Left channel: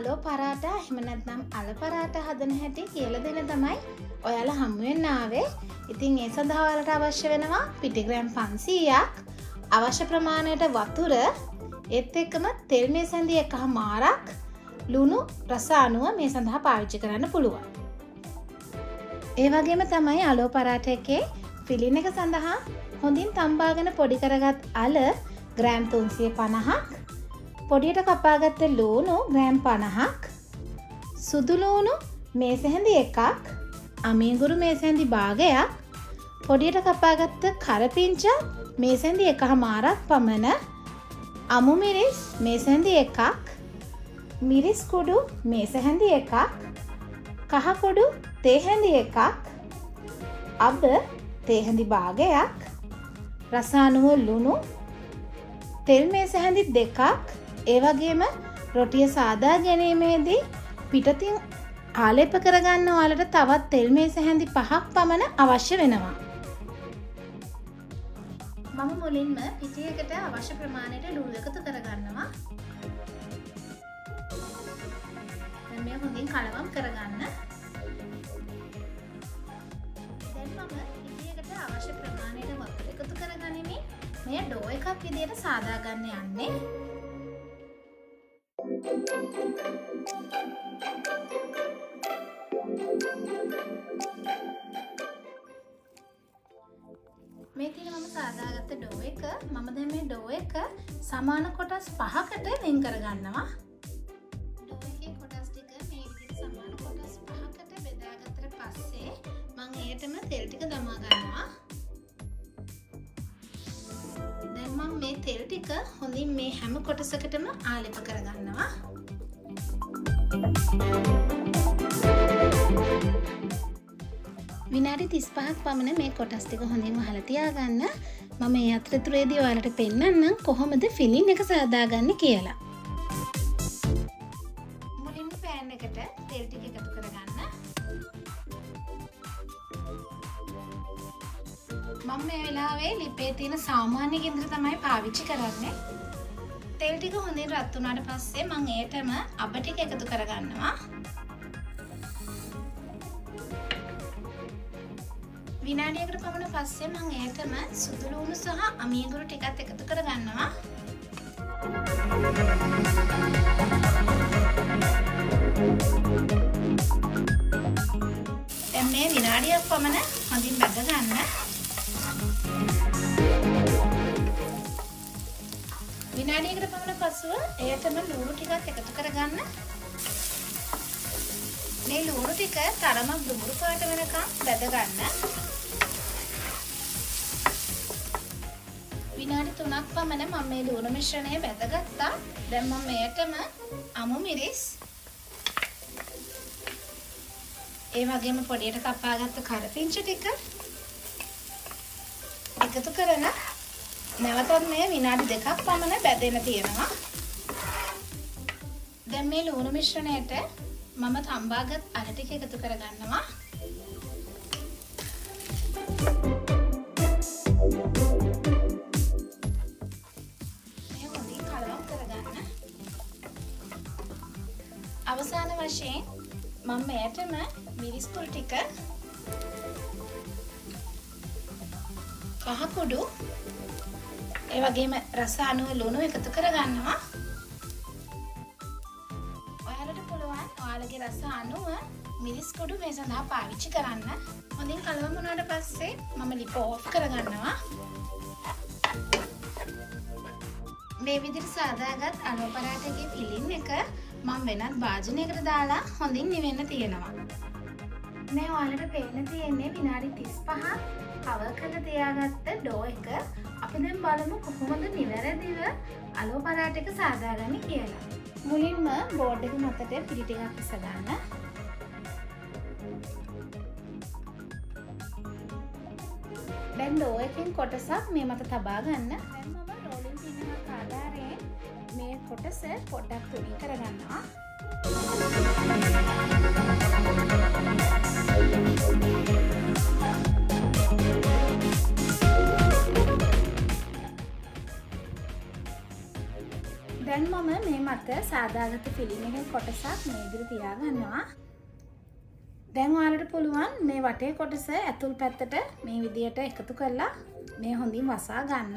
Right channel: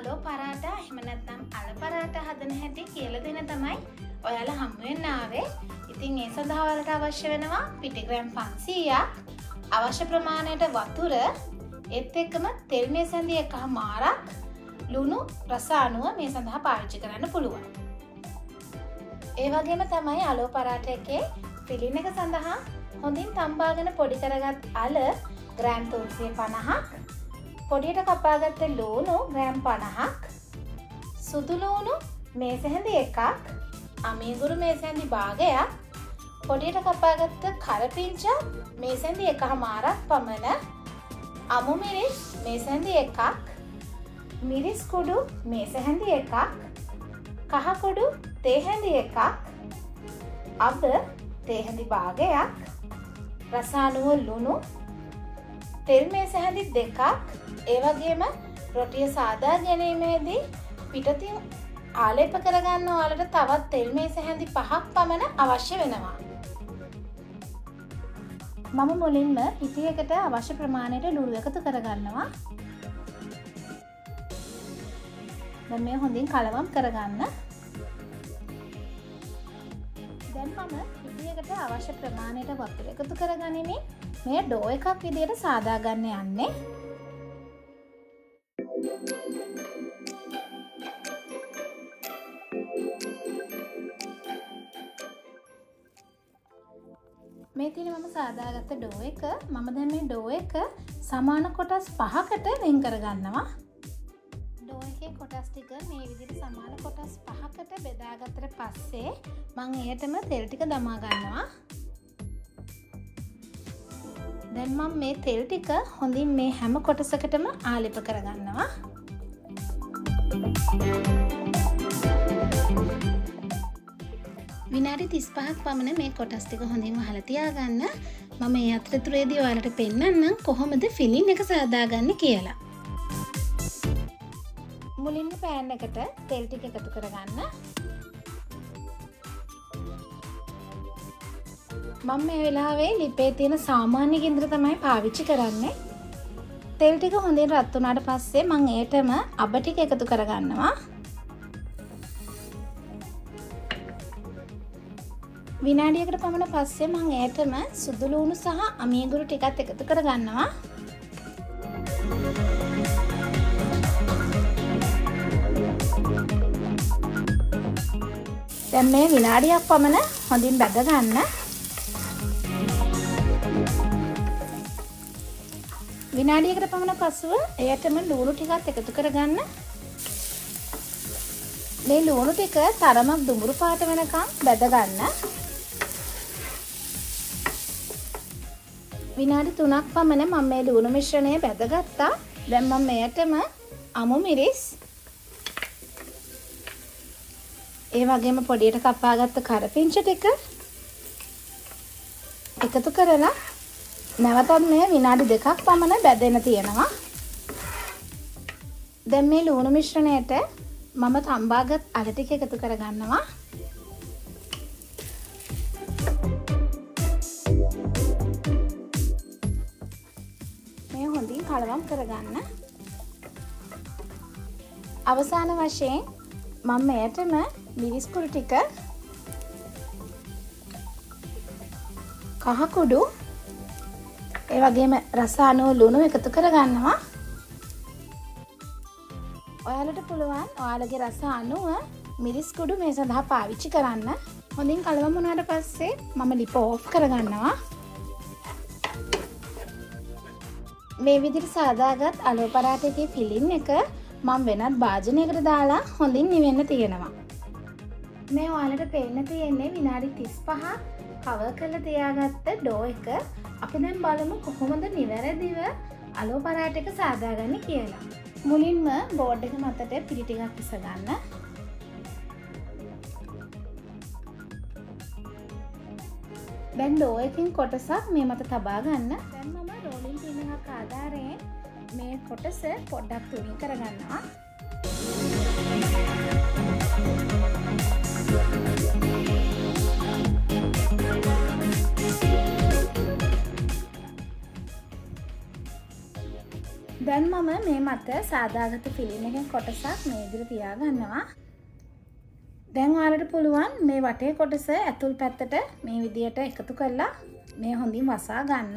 Alo Parata එහෙම නැත්නම් Alo Parata හදන හැටි කියලා දෙන තමයි ඔයාලා හමු වෙන්න ආවේ. ඉතින් ඒ සඳහා ඔයාලට අවශ්‍ය වෙනවා පිටි ග්‍රෑම් 500ක්, අවශ්‍ය ප්‍රමාණයට වතුර, ඒත් එක්කම තෙල් මේසැඳි එකමාරක්, ලුණු රස අනුව මේ සඳහා පාවිච්චි කරන්න පුළුවන්. ඒ වගේම තමයි Alo Parata එකේ ෆිලින් එක සඳහා හොඳින් තම්බාගෙන පොඩි කරගත් අල ග්‍රෑම් 350ක්, පොඩියට කපාගත්ත ලූණු ග්‍රෑම් 50ක්, සුදු ලූණු මේසැඳි එකක්, අමීගුරු මේසැඳි භාගයක්, පොඩියට කපාගත්ත කරපිංච මේසැඳි එකමාරක් පමණ, අමු මිරිස් මේසැඳි එකක්, මිරිස් කුඩු මේසැඳි එකක්, කහ කුඩු තේ හැඳි එකක්, අබ තේ හැඳි භාගයක්, රස අනුව ලුණු, තෙල් මේසැඳි දෙකක්. ඒ වගේම රොටිය සාදා ගැනීමේදී පිටතින් ආලේප කරගන්න ඔයාලට තවත් තෙල් මේසැඳි 5ක් පමණ අවශ්‍ය වෙනවා. මම මුලින්ම පිටියකට අවශ්‍ය ප්‍රමාණයට ලුණු එකතු කරගන්නවා. දැන් මේ හොඳින් කලවම් කරගන්න. දැන් මම පිටියකට අවශ්‍ය ප්‍රමාණයට වතුර එකතු කරගනිමින් මේ ඩෝ එකක් විදිහට සාදා ගන්න යන්නේ. මේ තියෙන මම සාදාගත්ත ඩෝ එක මම දැන් මේ ඩෝ එක සමාන කොටස් 5කට වෙන් කරගන්නවා. ඩෝ එකේ කොටස් ටික මේ විදිහට සමාන කොටස් 5කට බෙදාගත්තට පස්සේ මම එයටම තෙල් ටික දමා ගන්නවා. දැන් මම මේ තෙල් ටික හොඳින් මේ හැම කොටසකටම ආලේප කරගන්නවා. විනාඩි 35ක් පමණ මේ කොටස් ටික හොඳින් වහලා තියාගන්න. මම මේ අතරතුරේදී ඔයාලට පෙන්නන්නම් කොහොමද ෆිලින් එක සාදාගන්නේ කියලා. මුලින්ම පෑන් එකට තෙල් ටික එකතු කරගන්න. මම මේ වෙලාවේ ලිපේ තියෙන සාමාන්‍ය ගින්දර තමයි පාවිච්චි කරන්නේ. තෙල් ටික හොඳින් රත් වුණාට පස්සේ මම ඒටම අබ ටික එකතු කරගන්නවා. විනාඩියකට පමණ පස්සේ මම ඒටම සුදු ලූණු සහ අමීගුරු ටිකත් එකතු කරගන්නවා. දැන් මේ විනාඩියක් පමණ හොඳින් බැද ගන්න. විනාඩියකට පමණ පසුව එයටම ලුණු ටිකක් එකතු කරගන්න. මේ ලුණු ටික තරමක් දුඹුරු පාට වෙනකම් බැද ගන්න. විනාඩි 3ක් පමණ මම මේ ලුණු මිශ්‍රණය බැදගත්තා. දැන් මම මෙයටම අමු මිරිස්, ඒ වගේම පොඩියට කපාගත්ත කරපිංච ටික එකතු කරලා නැවතත් මේ විනාඩි 2ක් පමණ බැදෙන්න තියෙනවා. දැන් මේ ලුණු මිශ්‍රණයට මම තම්බාගත් අල ටික එකතු කරගන්නවා. මේ හොඳින් කලවම් කරගන්න. අවසාන වශයෙන් මම මෙයටම මිරිස් කුඩු ටික, කහ කුඩු, ඒ වගේම රස අනුව ලුණු එකතු කරගන්නවා. ඔයාලට පුළුවන් ඔයාලගේ රස අනුව මිරිස් කුඩු මේ සඳහා පාවිච්චි කරන්න. හොඳින් කලවම් වුණාට පස්සේ මම ලිප ඕෆ් කරගන්නවා. මේ විදිහට සාදාගත් Alo Parata එකේ ෆිලින් එක මම වෙනත් භාජනයකට දාලා හොඳින් නිවෙන්න තියෙනවා. මේ ඔයාලට පේන්න තියෙන්නේ විනාඩි 35ක් කවර් කරලා තියාගත්ත ඩෝ එක. අපි දැන් බලමු කොහොමද නිවැරදිව Alo Parata එක සාදාගන්නේ කියලා. මුලින්ම බෝඩ් එක මතට පිටි ටිකක් ඉස ගන්න. දැන් ලෝ එකකින් කොටසක් මේ මත තබා ගන්න. දැන් මම රෝලින් පින් එකක් ආධාරයෙන් මේ කොටස පොඩ්ඩක් තුනී කරගන්නවා. දැන් මම මේ මත සාදාගත්ත ෆිල්ම් එකෙන් කොටසක් මේ විදිහට තියා ගන්නවා. දැන් ඔයාලට පුළුවන් මේ වටේ කොටස ඇතුල් පැත්තට මේ විදිහට එකතු කරලා මේ හොඳින් වසා ගන්න.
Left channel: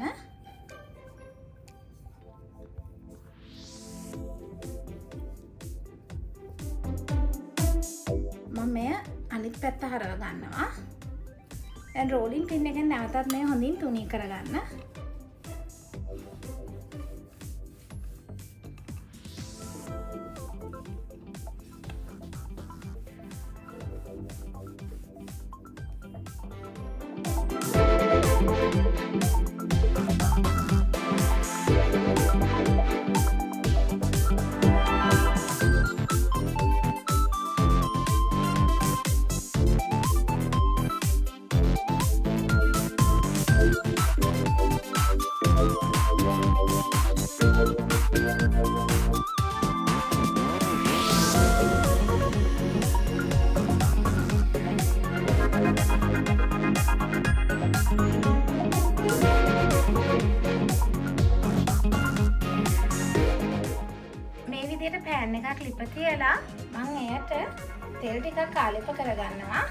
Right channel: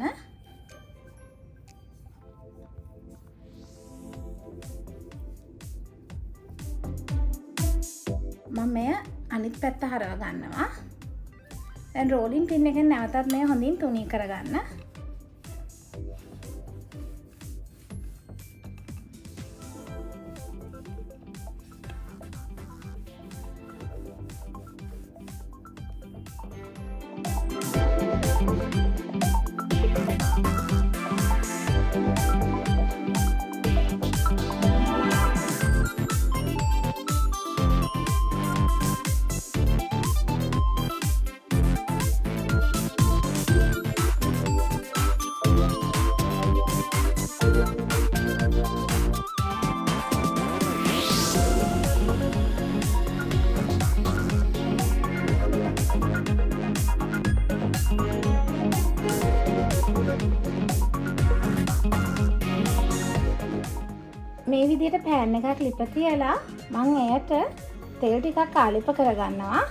මම මේ අනිත් පැත්ත හරව ගන්නවා. දැන් රෝලින් පින් එකෙන් නැවතත් මේ හොඳින් තුනී කරගන්න. මේ විදිහට පෑන් එකක් ලිප තියලා මම එයට තෙල් ටිකක් ආලිප කරගන්නවා.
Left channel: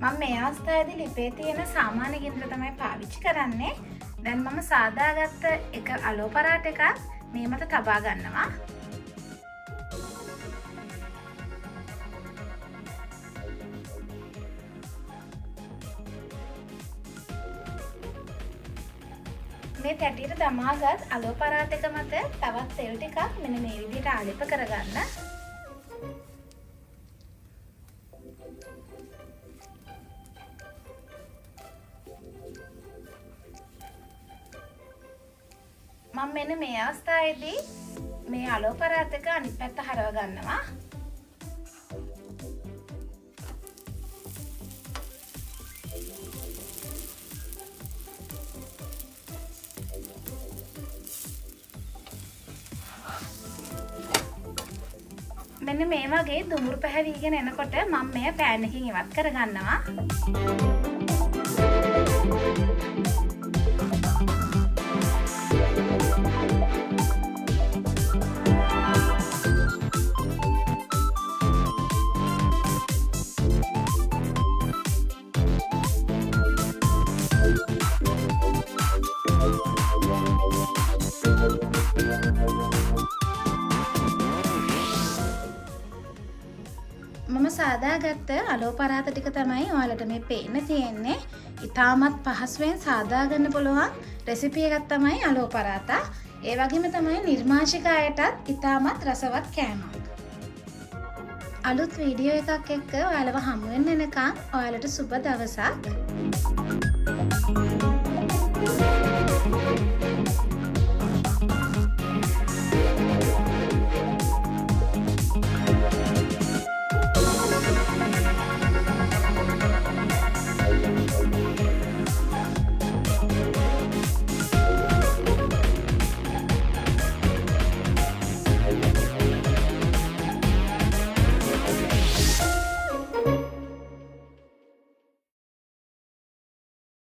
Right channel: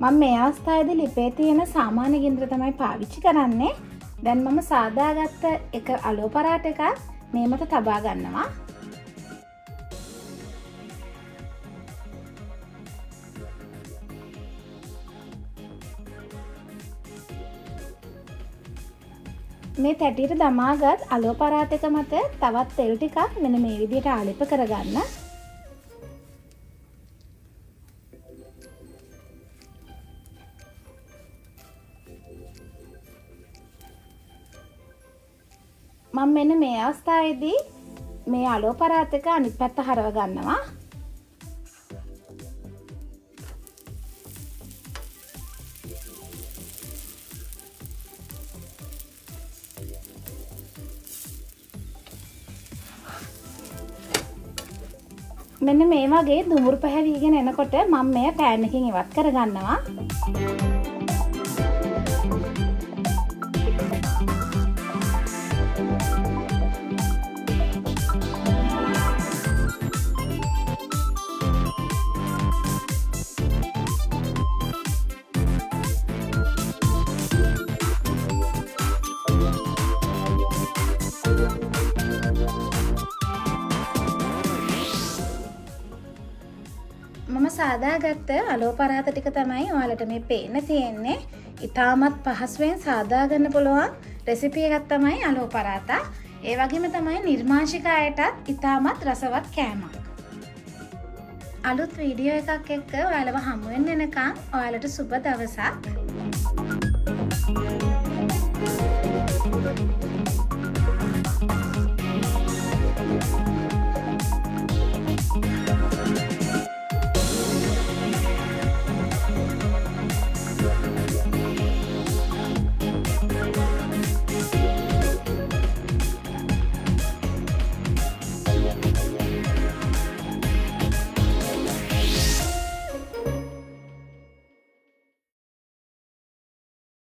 මම මේ අවස්ථාවේදී ලිපේ තියෙන සාමාන්‍ය ගින්දර තමයි පාවිච්චි කරන්නේ. දැන් මම සාදාගත්ත එක අලෝ පරාට එකක් මේ මත තබා ගන්නවා. මේ තැටියට දමාගත් අලෝ පරාට එක මත තවත් තෙල් ටිකක් මෙන්න මේ විදිහට ආලිප කරගන්න. මම මෙන්න මේ අවස්ථාවේදී මේ අලෝ පරාට එක අනිත් පැත්ත හරව ගන්නවා. මෙන්න මේ වගේ දුමුරු පැහැවිගෙන එනකොට මම මේ පෑන් එකකින් ඉවත් කරගන්නවා. මම සාදාගත්ත අලෝ පරාත ටික තමයි ඔයාලට මේ පේන්න තියෙන්නේ. ඉතාමත් පහසුවෙන් සාදා ගන්න පුළුවන් රෙසිපි එකක් තමයි අලෝ පරාතා. ඒ වගේම තමයි නිර්මාංශික අයටත් ඉතාමත් රසවත් කෑමක්. අලුත් වීඩියෝ එකක් එක්ක ඔයාලව හමු වෙන්න එනකන් ඔයාලට සුබ දවසක්.